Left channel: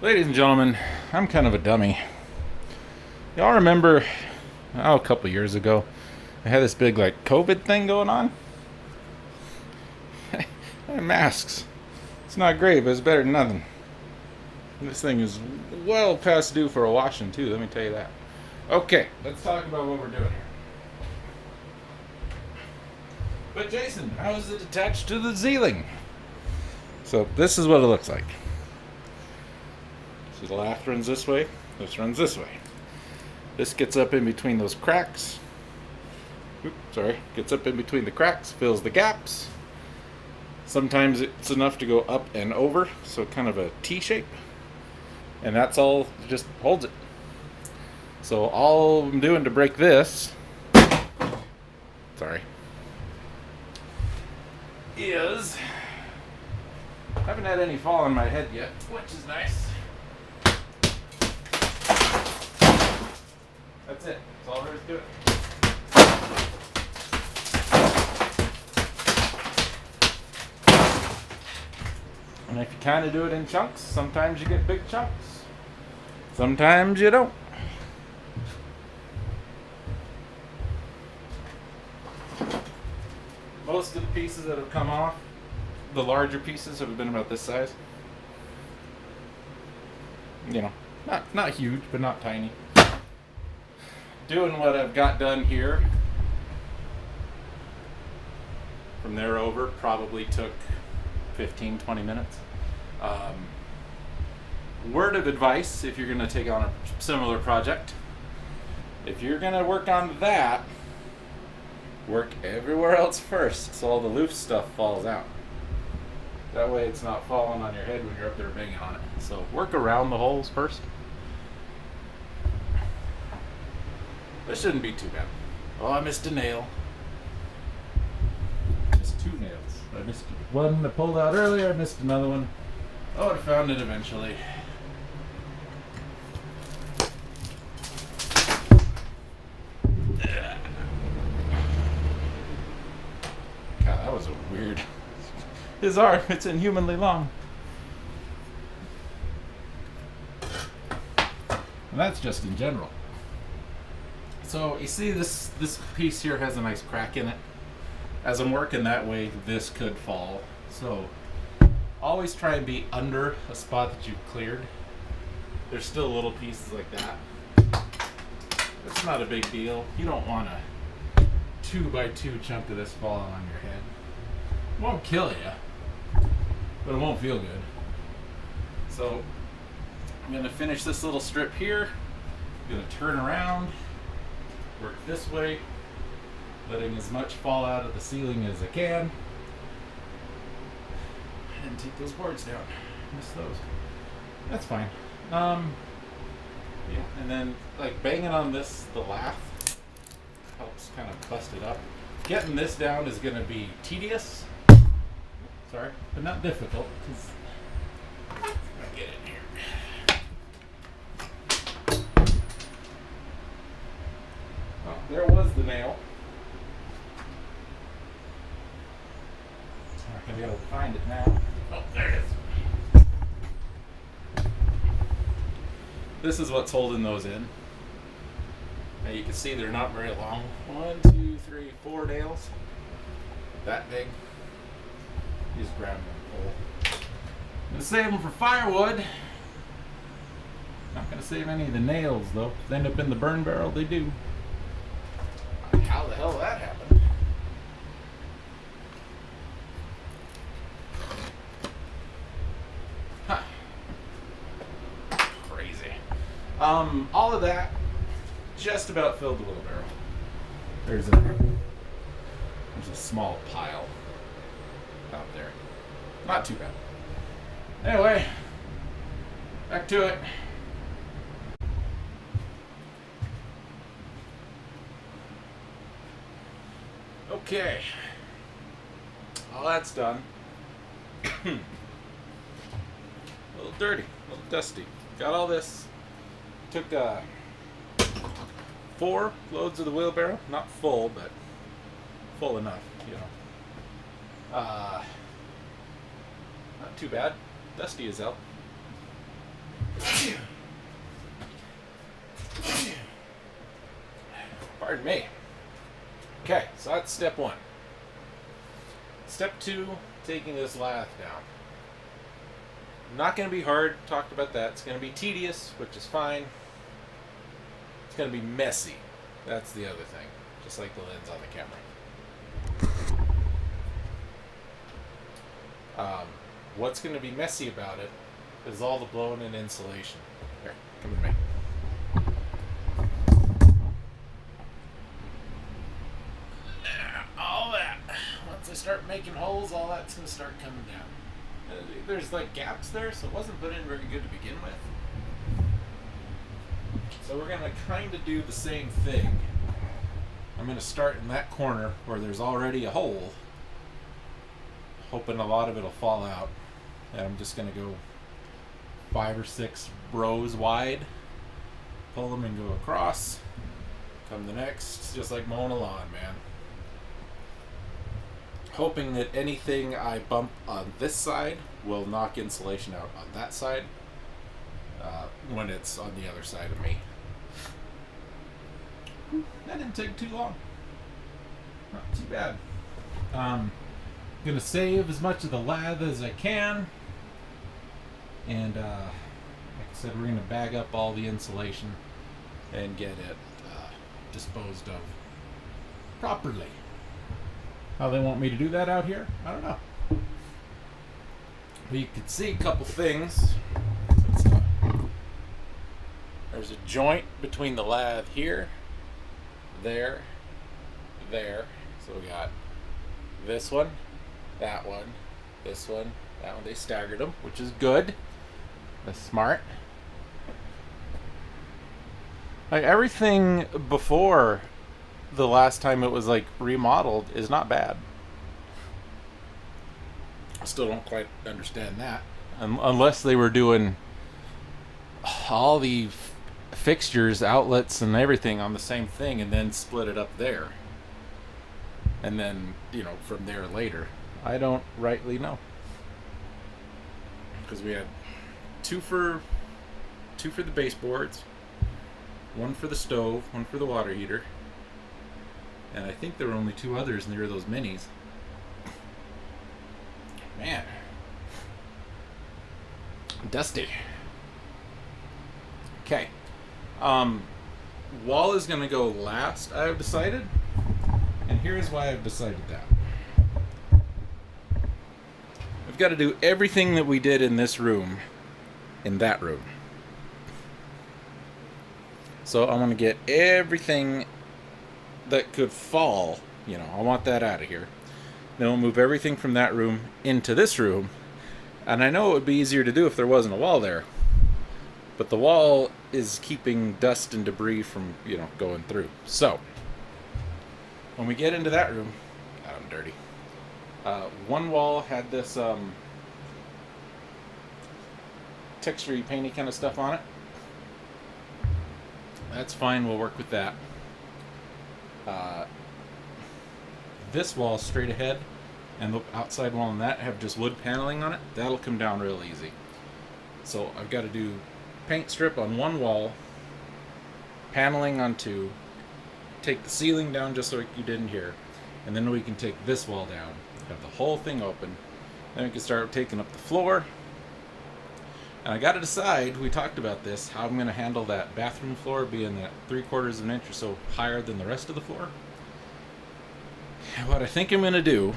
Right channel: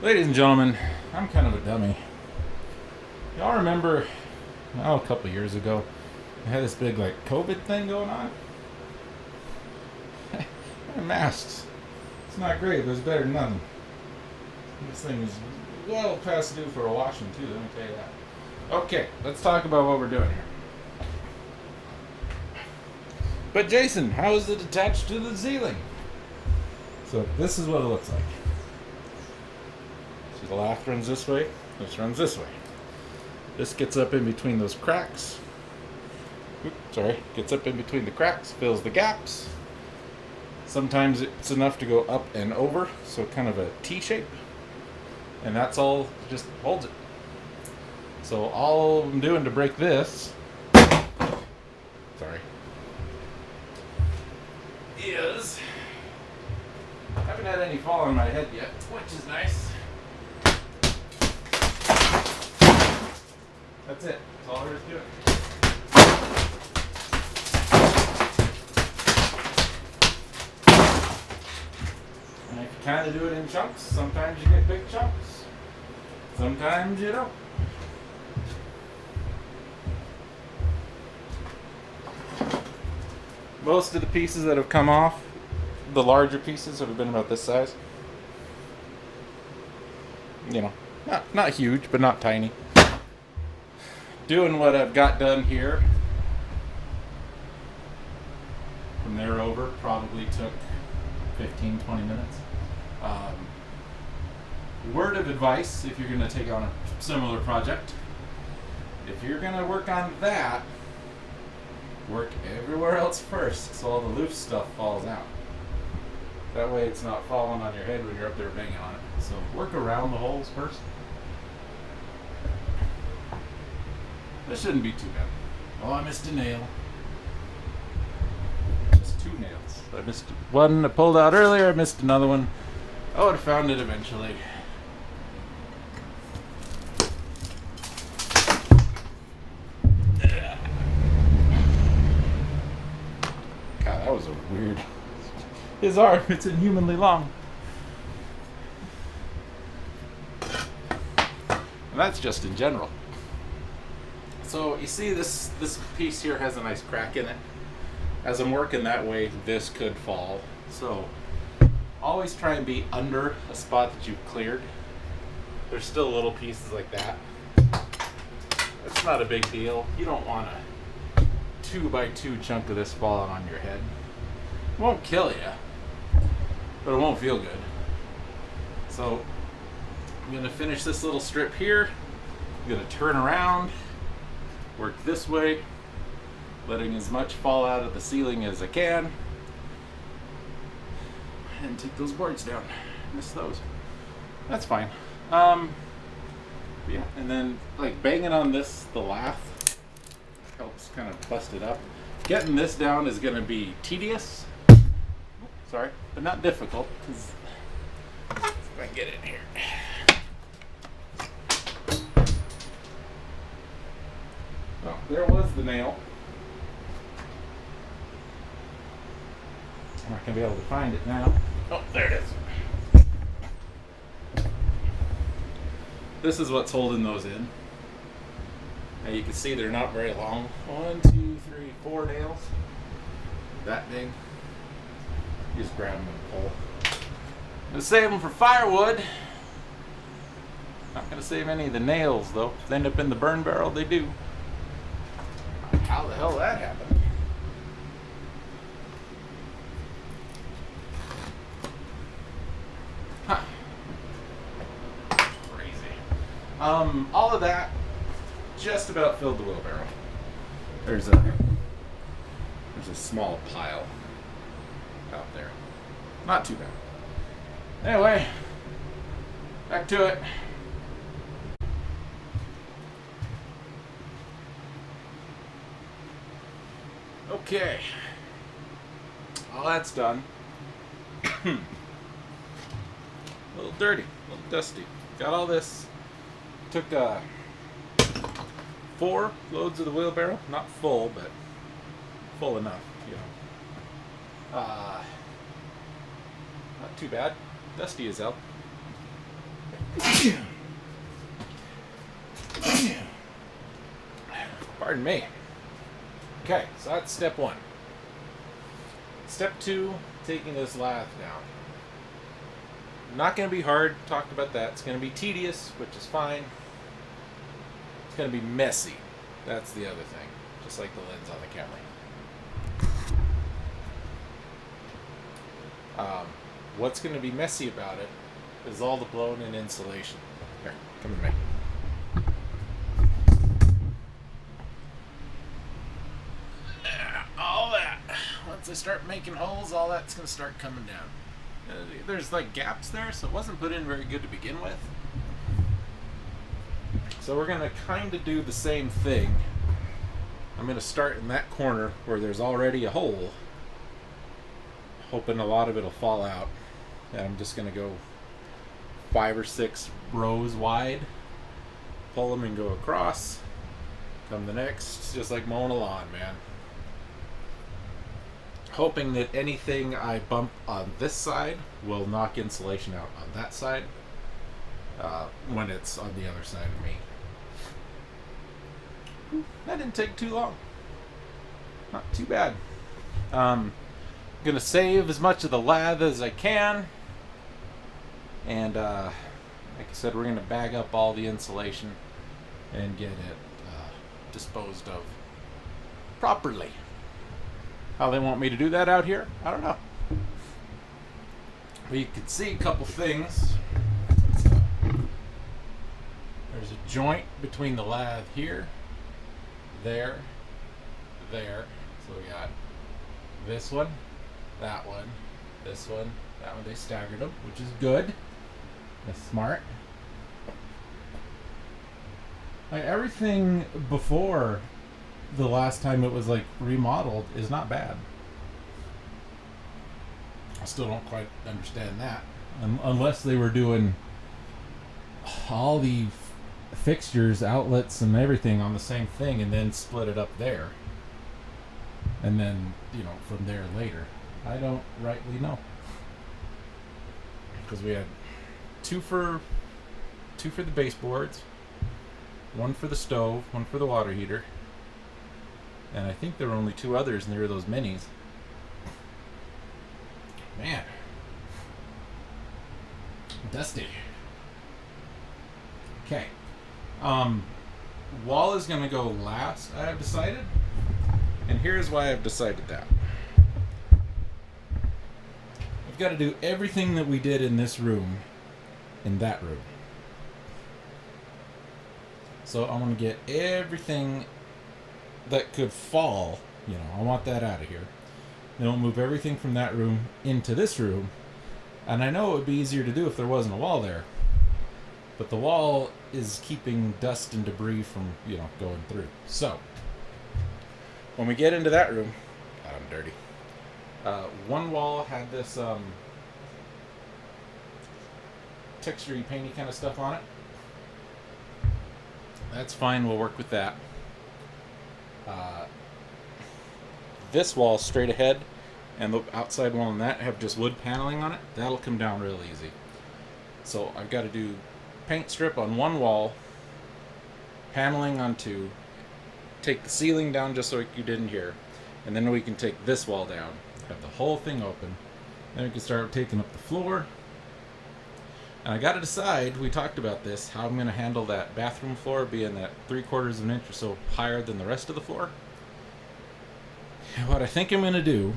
Ladies and gentlemen, I'm kind of a dummy. Y'all remember, a couple years ago, I had this big COVID thing going on? Masks. It's not great, but it's better than nothing. This thing is well past due for a washing, too, let me tell you that. Okay, let's talk about what we're doing here. But Jason, how is it attached to the ceiling? So this is what it looks like. See, the lath runs this way, this runs this way. This gets up in between those cracks. Gets up in between the cracks, fills the gaps. Sometimes it's enough to go up and over, so kind of a T shape. And that's all, just holds it. So all I'm doing to break this, is, I haven't had any fall on my head yet, which is nice. That's it. That's all there is to it. And if you kind of do it in chunks, sometimes you get big chunks. Sometimes you don't. Most of the pieces that have come off, the larger pieces have been about this size. You know, not huge, but not tiny. Doing what I've got done here, from there over, probably took 15-20 minutes. Word of advice, if you're going to take on a similar project, if you're going to work on that, work everywhere else first so all the loose stuff falls out. That way it's not falling on your head when you're up there banging on it. So work around the holes first. This shouldn't be too bad. Oh, I missed a nail. Missed two nails. I missed one I pulled out earlier, I missed another one. I would have found it eventually. God, that was a weird... His arm, it's inhumanly long. And that's just in general. So you see this piece here has a nice crack in it. As I'm working that way, this could fall. So always try and be under a spot that you've cleared. There's still little pieces like that. It's not a big deal. You don't want a 2x2 chunk of this falling on your head. It won't kill you, but it won't feel good. So I'm going to finish this little strip here. I'm going to turn around, work this way, letting as much fall out of the ceiling as I can, and take those boards down. Miss those. That's fine. Yeah, and then banging on this, the lath helps kind of bust it up. Getting this down is going to be tedious. Sorry, but not difficult, because if I get it here. Oh, there was the nail. I'm not going to be able to find it now. Oh, there it is. This is what's holding those in. Now you can see they're not very long. 1, 2, 3, 4 nails. That big. You just grab them and pull. I'm going to save them for firewood. Not going to save any of the nails though. If they end up in the burn barrel, they do. How the hell that happened? Huh. Crazy. All of that just about filled the wheelbarrow. There's a small pile out there. Not too bad. Anyway, back to it. Okay. All that's done. A little dirty, a little dusty. Got all this. Took 4 loads of the wheelbarrow. Not full, but full enough, you know. Not too bad. Dusty as hell. Pardon me. Okay, so that's step one. Step two, taking this lath down. Not going to be hard, talked about that. It's going to be tedious, which is fine. It's going to be messy. That's the other thing. Just like the lens on the camera. What's going to be messy about it is all the blown in insulation. Here, come with me. All that. Once I start making holes, all that's going to start coming down. There's like gaps there, so it wasn't put in very good to begin with. So we're going to kind of do the same thing. I'm going to start in that corner where there's already a hole, hoping a lot of it'll fall out. And I'm just going to go 5 or 6 rows wide, pull them and go across, come the next, just like mowing a lawn, man. Hoping that anything I bump on this side will knock insulation out on that side when it's on the other side of me. That didn't take too long. Not too bad. Gonna save as much of the lath as I can. And like I said, we're gonna bag up all the insulation and get it disposed of properly. How they want me to do that out here, I don't know. But you can see a couple things. There's a joint between the lath here, there. So we got this one, that one, this one, that one. They staggered them, which is good. That's smart. Like, everything before the last time it was like remodeled is not bad. I still don't quite understand that, unless they were doing all the fixtures, outlets, and everything on the same thing, and then split it up there, and then from there later. I don't rightly know, because we had two for the baseboards, one for the stove, one for the water heater. And I think there were only 2 others near those minis. Man. Dusty. Okay. Wall is going to go last, I have decided. And here's why I've decided that. I've got to do everything that we did in this room in that room. So I'm going to get everything that could fall, I want that out of here. Then we'll move everything from that room into this room. And I know it would be easier to do if there wasn't a wall there. But the wall is keeping dust and debris from, going through. So, when we get into that room, God, I'm dirty. One wall had this texture-y, painty kind of stuff on it. That's fine, we'll work with that. This wall straight ahead and the outside wall on that have just wood paneling on it. That'll come down real easy. So I've got to do paint strip on one wall, paneling on 2, take the ceiling down just like you did in here, and then we can take this wall down, have the whole thing open, then we can start taking up the floor. And I got to decide, we talked about this, how I'm going to handle that bathroom floor being that 3/4 of an inch or so higher than the rest of the floor. And what I think I'm going to do,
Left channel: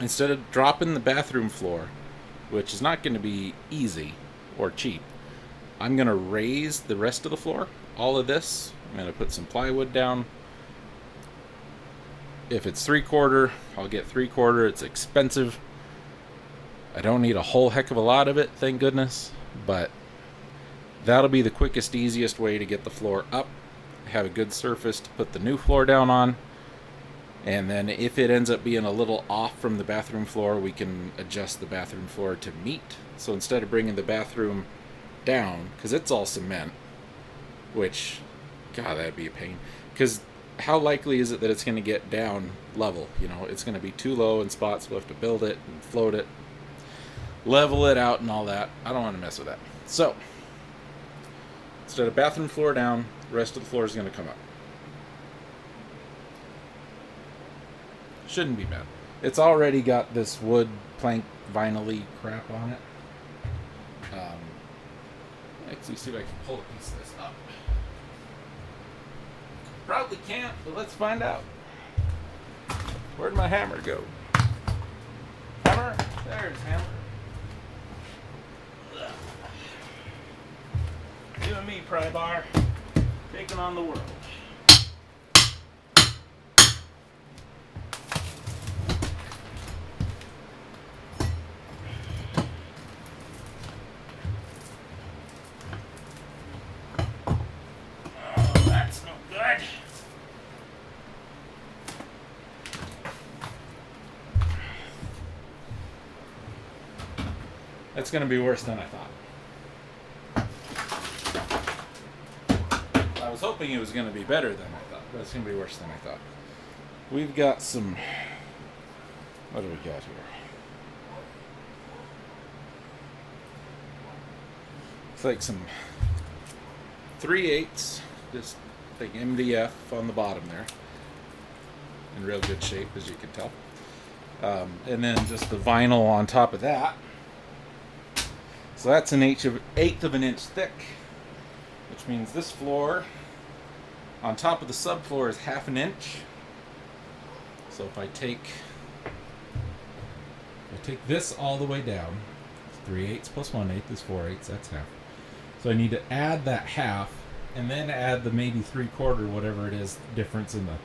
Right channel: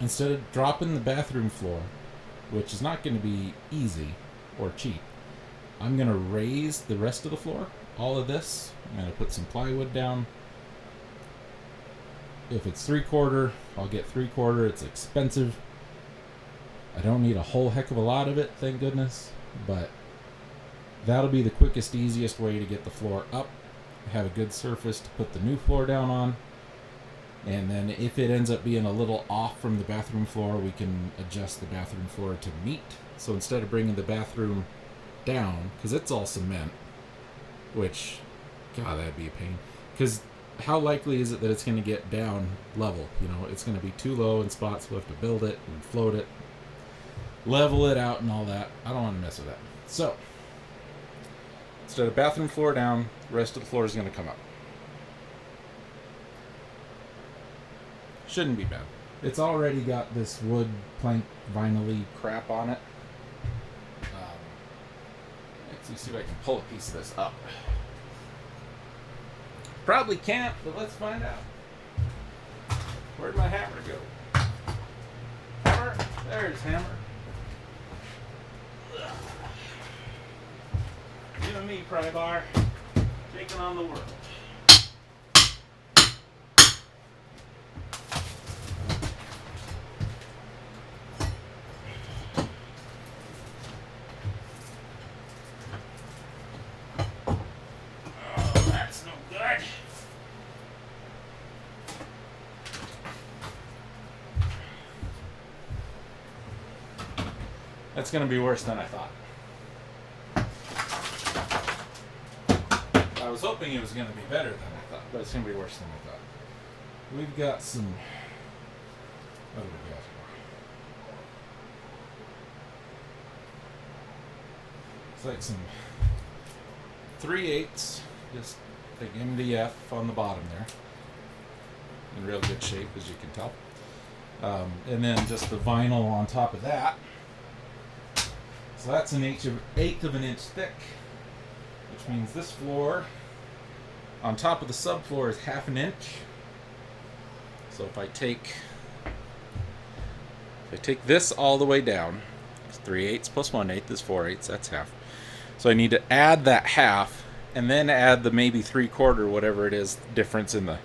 instead of dropping the bathroom floor, which is not going to be easy or cheap, I'm going to raise the rest of the floor, all of this. I'm going to put some plywood down. If it's 3/4, I'll get 3/4. It's expensive. I don't need a whole heck of a lot of it, thank goodness, but that'll be the quickest, easiest way to get the floor up, have a good surface to put the new floor down on, and then if it ends up being a little off from the bathroom floor, we can adjust the bathroom floor to meet. So instead of bringing the bathroom down, because it's all cement, which, God, that'd be a pain, because how likely is it that it's going to get down level? It's going to be too low in spots, we'll have to build it and float it. level it out and all that. I don't want to mess with that. So, instead of bathroom floor down, the rest of the floor is going to come up. Shouldn't be bad. It's already got this wood plank vinyl-y crap on it. Let's see if I can pull a piece of this up. Probably can't, but let's find out. Where'd my hammer go? Hammer? There's hammer. You and me, pry bar. Taking on the world. Oh, that's no good. That's going to be worse than I thought. I was hoping it was going to be better than I thought, but it's going to be worse than I thought. We've got some... What do we got here? It's like some 3/8, just like MDF on the bottom there. In real good shape, as you can tell. And then just the vinyl on top of that. So that's an eighth of an inch thick, which means this floor on top of the subfloor is 1/2 inch. So if I take this all the way down, it's 3/8 plus 1/8 is 4/8, that's half. So I need to add that half and then add the maybe 3/4, whatever it is, difference in the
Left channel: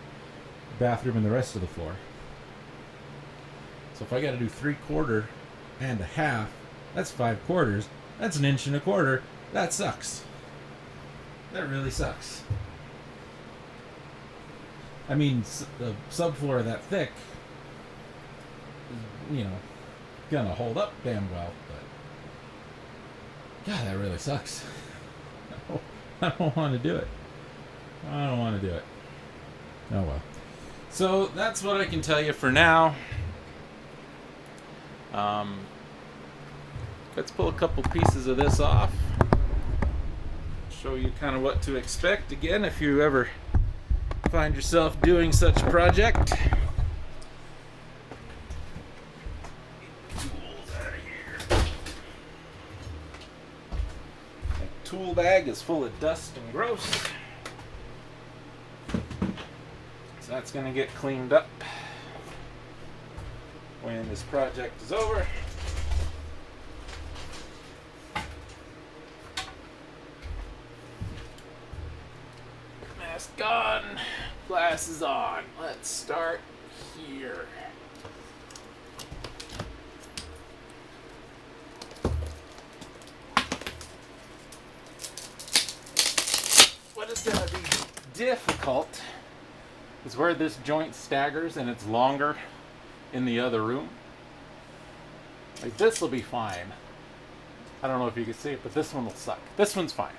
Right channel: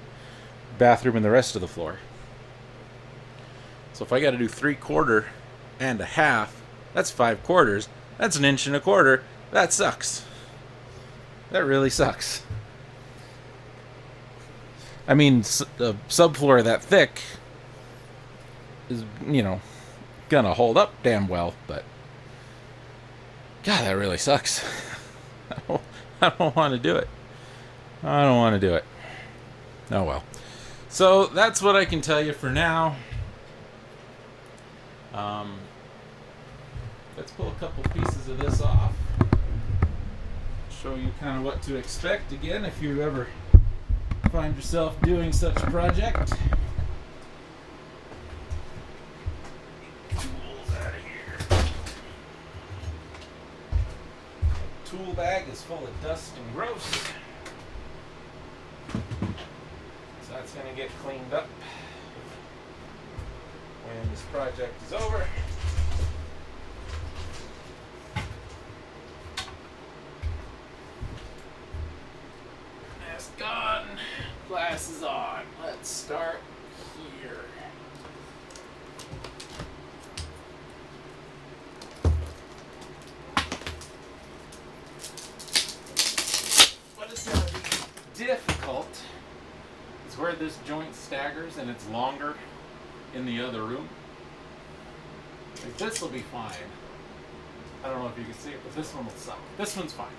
bathroom and the rest of the floor. So if I got to do 3/4 and a half, that's 5/4. That's 1 1/4 inch. That sucks. That really sucks. I mean, the subfloor that thick is, gonna hold up damn well, but God, that really sucks. I don't want to do it. I don't want to do it. Oh well. So that's what I can tell you for now. Let's pull a couple pieces of this off. Show you kind of what to expect again if you ever find yourself doing such a project. Tools out of here. The tool bag is full of dust and gross. So that's going to get cleaned up when this project is over. Mask on, glasses on. Let's start here. What is going to be difficult is where this joint staggers and it's longer in the other room. Like this will be fine. I don't know if you can see it, but this one will suck. This one's fine.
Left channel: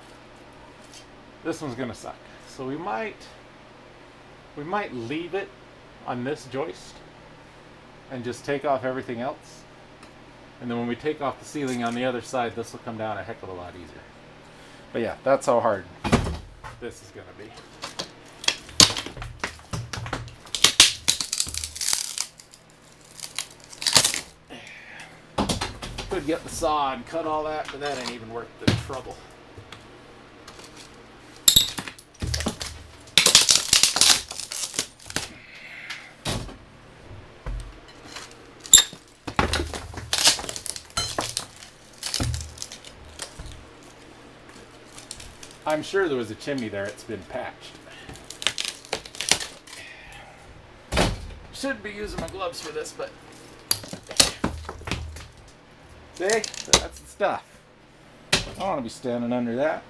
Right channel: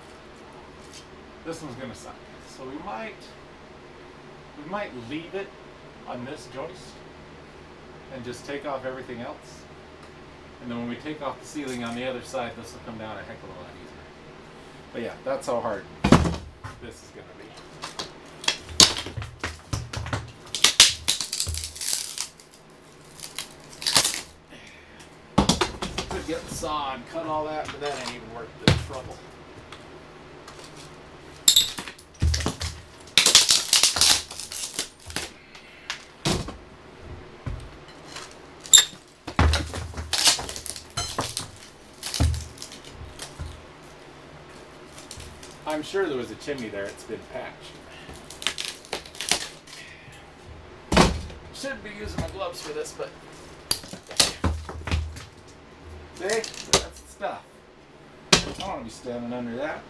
This one's gonna suck. So we might leave it on this joist and just take off everything else. And then when we take off the ceiling on the other side, this will come down a heck of a lot easier. But yeah, that's how hard this is gonna be. Could get the saw and cut all that, but that ain't even worth the trouble. I'm sure there was a chimney there, it's been patched. Should be using my gloves for this, but see, that's the stuff. I don't want to be standing under that.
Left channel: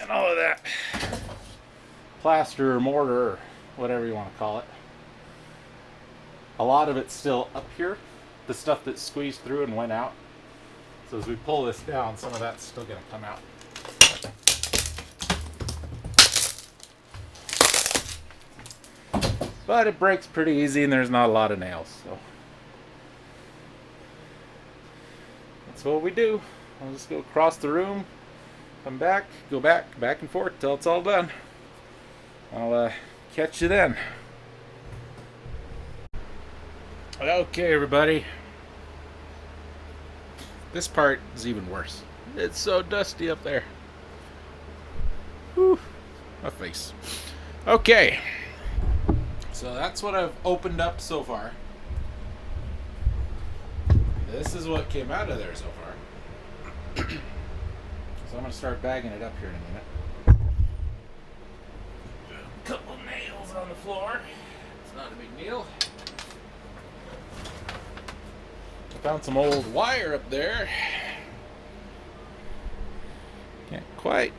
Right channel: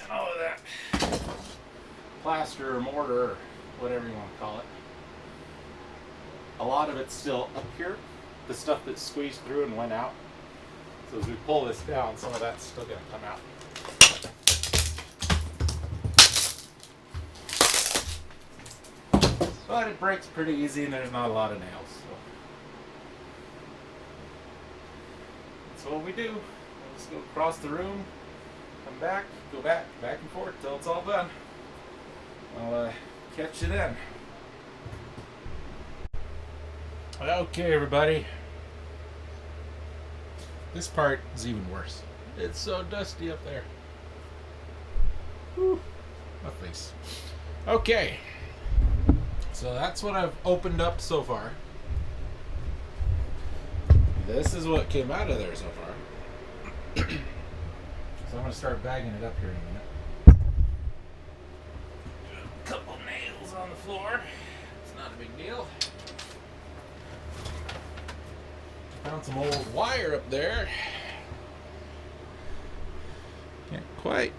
And all of that plaster or mortar or whatever you want to call it. A lot of it's still up here. The stuff that squeezed through and went out. So as we pull this down, some of that's still going to come out. But it breaks pretty easy and there's not a lot of nails. So that's what we do. I'll just go across the room, come back, go back and forth till it's all done. I'll catch you then. Okay, everybody. This part is even worse. It's so dusty up there. Whew, my face. Okay. So that's what I've opened up so far. This is what came out of there so far. So I'm going to start bagging it up here in a minute. A couple of nails on the floor. It's not a big deal. Found some old wire up there. Can't quite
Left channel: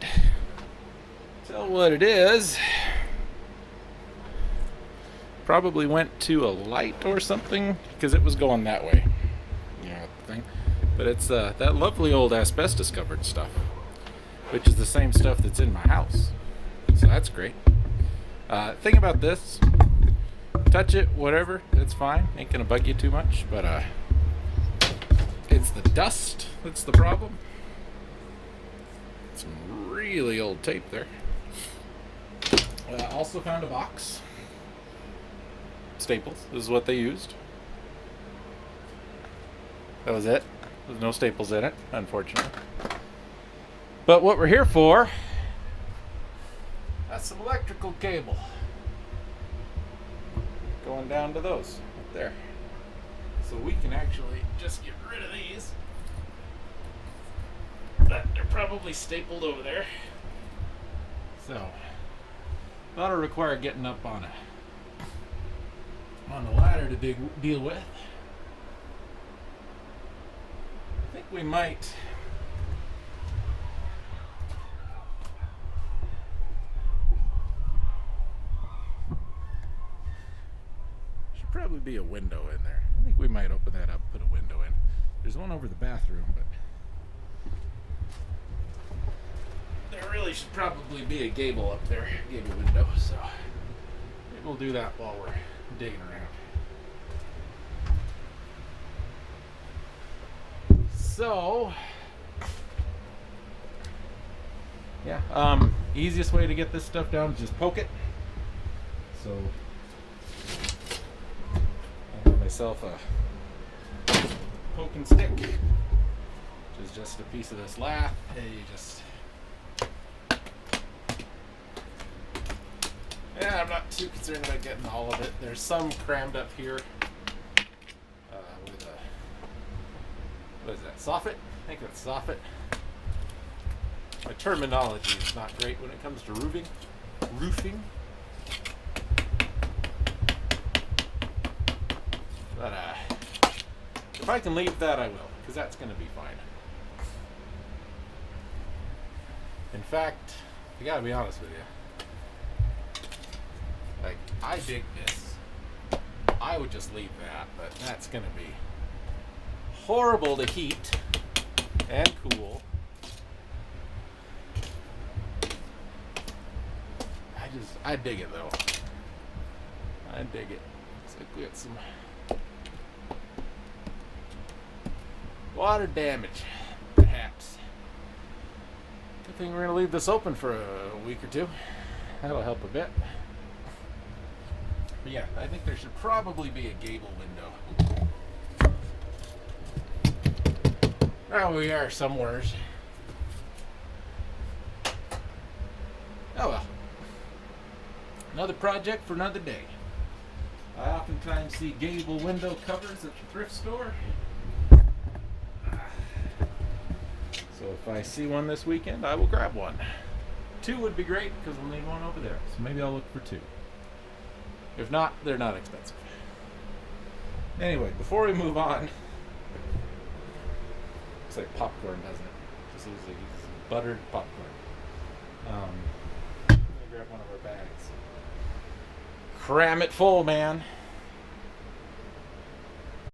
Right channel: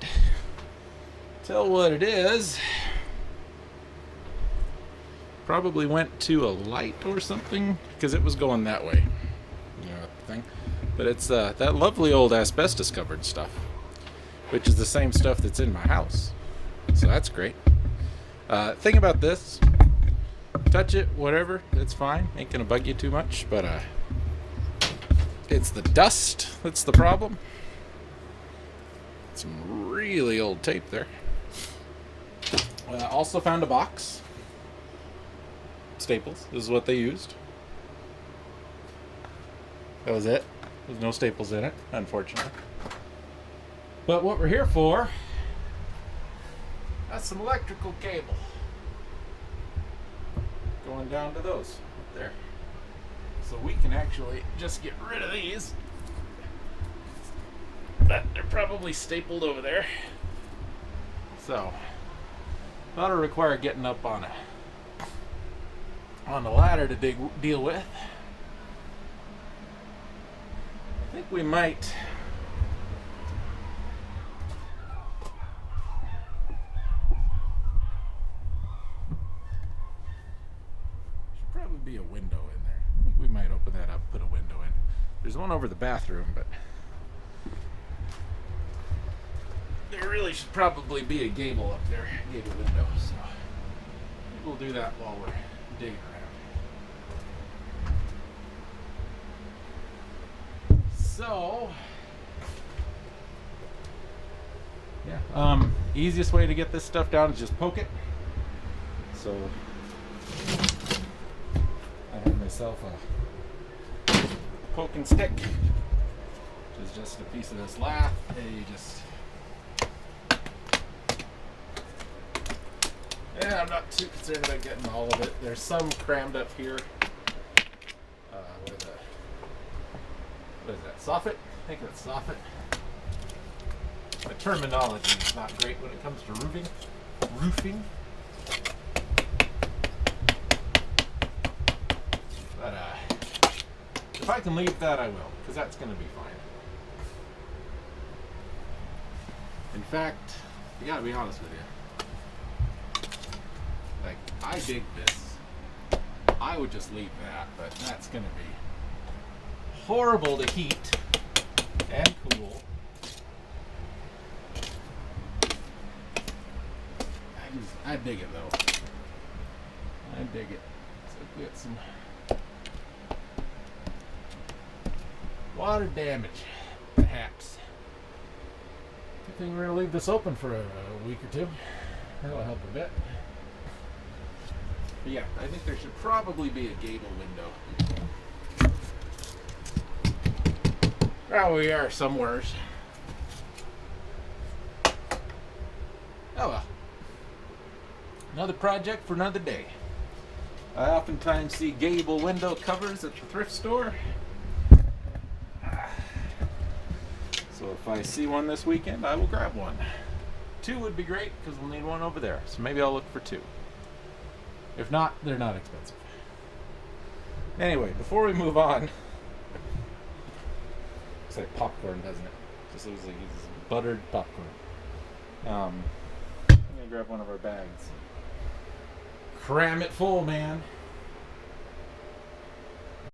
tell what it is. Probably went to a light or something because it was going that way. You know the thing. But it's that lovely old asbestos covered stuff, which is the same stuff that's in my house. So that's great. Thing about this, touch it, whatever, it's fine. Ain't gonna bug you too much, but it's the dust that's the problem. Some really old tape there. Also found a box. Staples is what they used. That was it. There's no staples in it, unfortunately. But what we're here for, that's some electrical cable. Going down to those up there. So we can actually just get rid of these. But they're probably stapled over there. So that'll require getting up on the ladder to deal with. I think we might should probably be a window in there. I think we might open that up, put a window in. There's one over the bathroom, but there really should probably be a gable up there, gable window, so maybe we'll do that while we're digging around. So, yeah, easiest way to get this stuff down is just poke it. So, I have myself a poking stick, which is just a piece of this lath, and you just, yeah, I'm not too concerned about getting all of it. There's some crammed up here with a, what is that, soffit? I think that's soffit. My terminology is not great when it comes to roofing. But if I can leave that, I will, because that's going to be fine. In fact, I gotta be honest with you. Like, I dig this. I would just leave that, but that's going to be horrible to heat and cool. I dig it though. I dig it. So we got some water damage, perhaps. Good thing we're gonna leave this open for a week or two. That'll help a bit. But yeah, I think there should probably be a gable window. Now we are somewheres. Oh well. Another project for another day. I oftentimes see gable window covers at the thrift store. So if I see one this weekend, I will grab one. 2 would be great because we'll need one over there. So maybe I'll look for 2. If not, they're not expensive. Anyway, before we move on, looks like popcorn, doesn't it? Just looks like it's buttered popcorn. I'm gonna grab one of our bags. Cram it full, man.